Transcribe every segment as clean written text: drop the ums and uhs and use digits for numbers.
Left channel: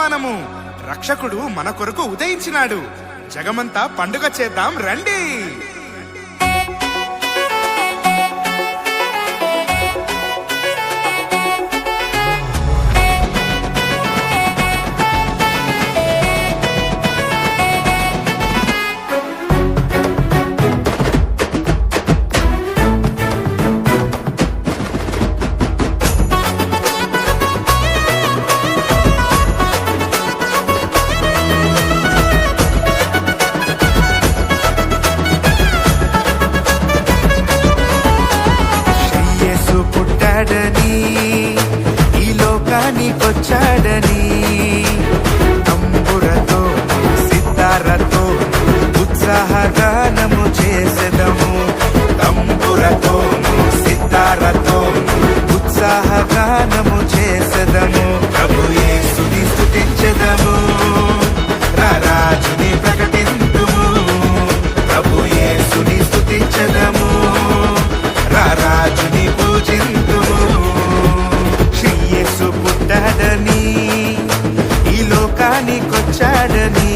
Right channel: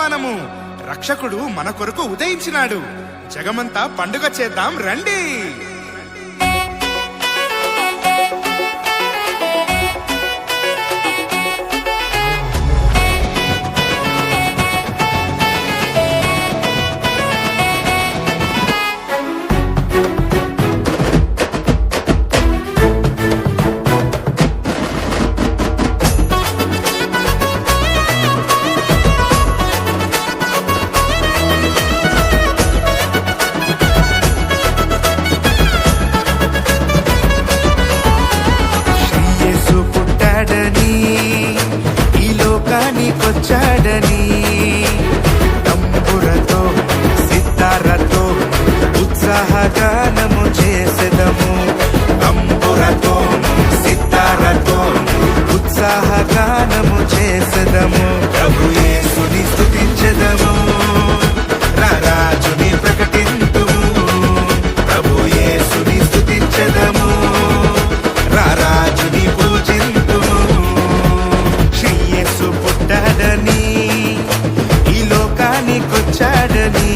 వర్తమానము. రక్షకుడు మన కొరకు ఉదయించినాడు. జగమంతా పండుగ చేద్దాం రండి. పుట్టాడని ఈ లోకానికొచ్చాడని తంబురతో సితారతో ఉత్సాహగానము చేసెదము. తంబురతోను సితారతోను ఉత్సాహగానము చేసెదము. ప్రభు యేసుని స్తుతించెదము, రారాజుని ప్రకటింతుము. ప్రభు యేసుని స్తుతించెదము, రారాజుని పూజింతుము. శ్రీ యేసు పుట్టాడని ఈ లోకానికొచ్చాడని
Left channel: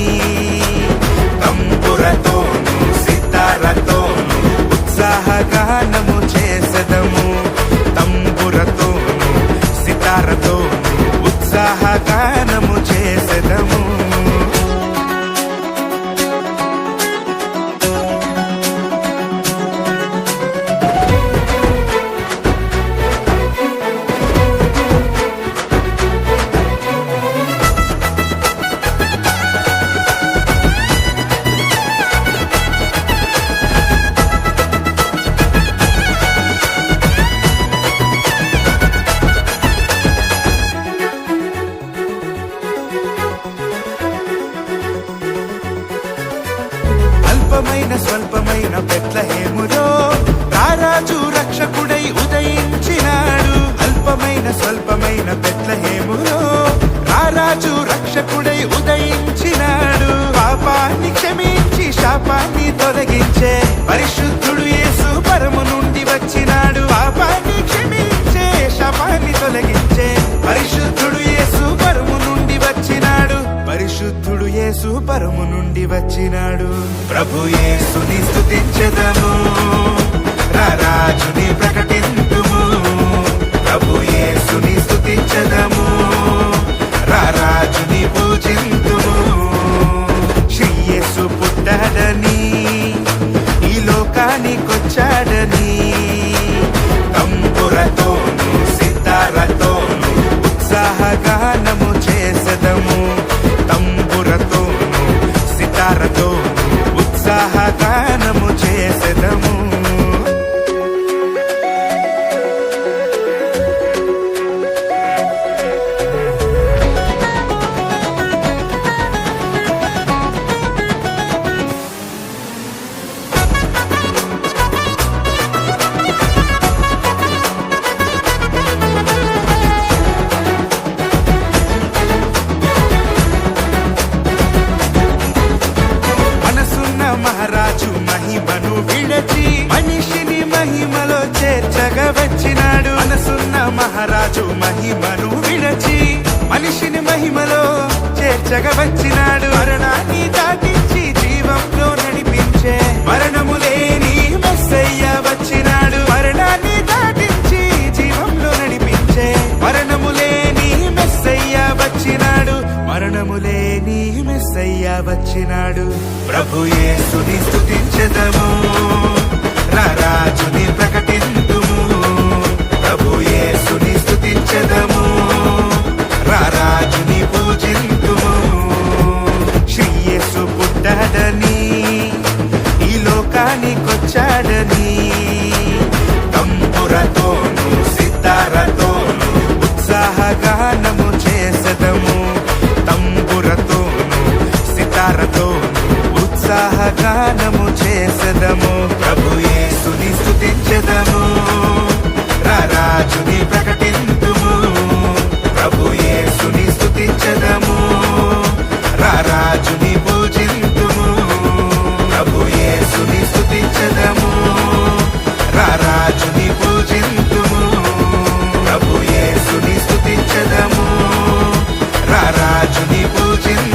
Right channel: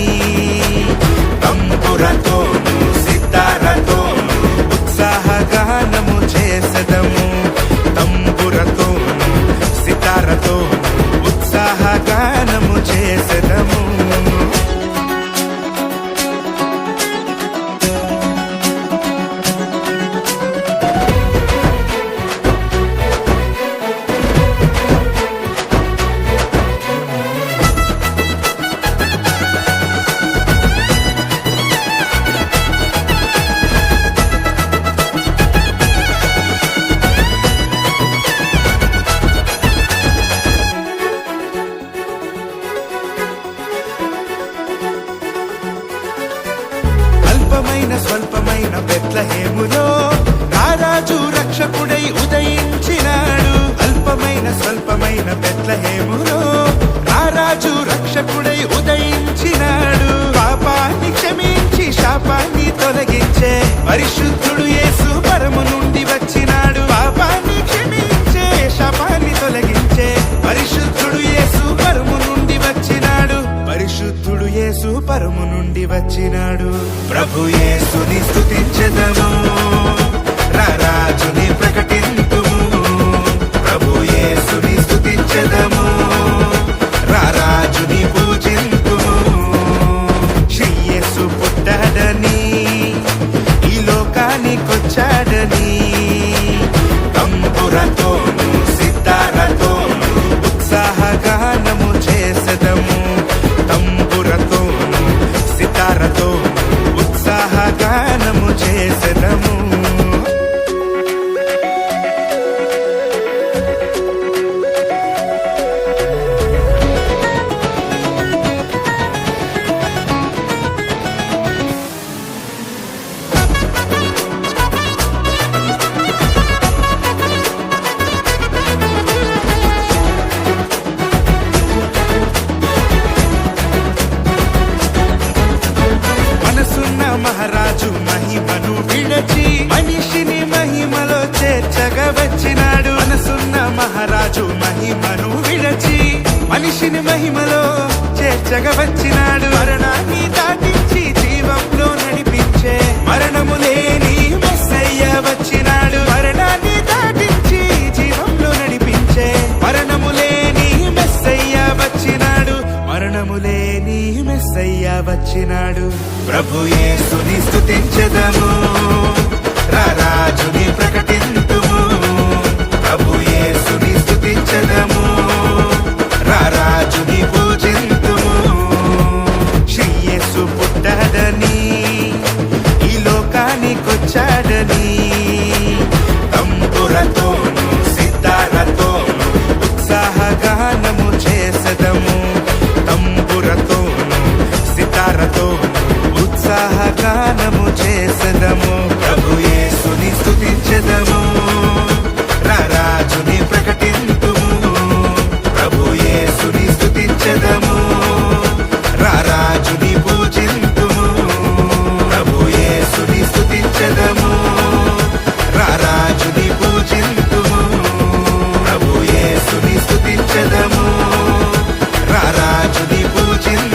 తంబురతోను సితారతోను ఉత్సాహగానము చేసెదము. తంబురతోను సితారతోను ఉత్సాహగానము చేసెదము. అల్పమైన స్వల్పమైన బెత్లెహేములో రారాజు రక్షకుడై ఉదయించినాడు. అల్పమైన స్వల్పమైన బెత్లెహేములో రారాజు రక్షకుడై ఉదయించినాడు. పాపాన్ని క్షమించి శాపాన్ని తొలగించే పరిశుద్ధుడు యేసు పరము నుండి వచ్చినాడు. పాపాన్ని క్షమించే శాపాన్ని తొలగించే పరిశుద్ధుడు యేసు పరము నుండి వచ్చినాడు. పరిశుద్ధుడు యేసు పరము నుండి వచ్చినాడు. ప్రభు యేసుని స్తుతించెదము, రారాజుని ప్రకటింతుము. ప్రభు యేసుని స్తుతించెదము, రారాజుని పూజింతుము. శ్రీ యేసు పుట్టాడని ఈ లోకానికొచ్చాడని తంబురతోను సితారతోను ఉత్సాహగానము చేసెదము. తంబురతోను సితారతోను ఉత్సాహగానము చేసెదము. మనసున్న మహారాజు మహిమను విడచి మనిషిని మహిమలో చేర్చగా వచ్చినాడు. మనసున్న మహారాజు మహిమను విడచి మనిషిని మహిమలో చేర్చగా వచ్చినాడు. మరణాన్ని దాటించి జీవంలో నడిపించే మరణము లేని మెస్సయ్య వచ్చినాడు. మరణాన్ని దాటించి జీవంలో నడిపించే మరణము లేని మెస్సయ్య వచ్చినాడు. మరణము లేని మెస్సయ్య వచ్చినాడు. ప్రభు యేసుని స్తుతించెదము, రారాజుని ప్రకటింతుము. ప్రభు యేసుని స్తుతించెదము, రారాజుని పూజింతుము. శ్రీ యేసు పుట్టాడని ఈ లోకానికొచ్చాడని తంబురతోను సితారతోను ఉత్సాహగానము చేసెదము. తంబురతోను సితారతోను ఉత్సాహగానము చేసెదము. ప్రభు యేసుని స్తుతించెదము, రారాజుని ప్రకటింతుము. ప్రభు యేసుని స్తుతించెదము, రారాజుని పూజింతుము. ప్రభు యేసుని స్తుతించెదము, రారాజుని పూజింతుము. ప్రభు యేసుని స్తుతించెదము, రారాజుని పూజింతుము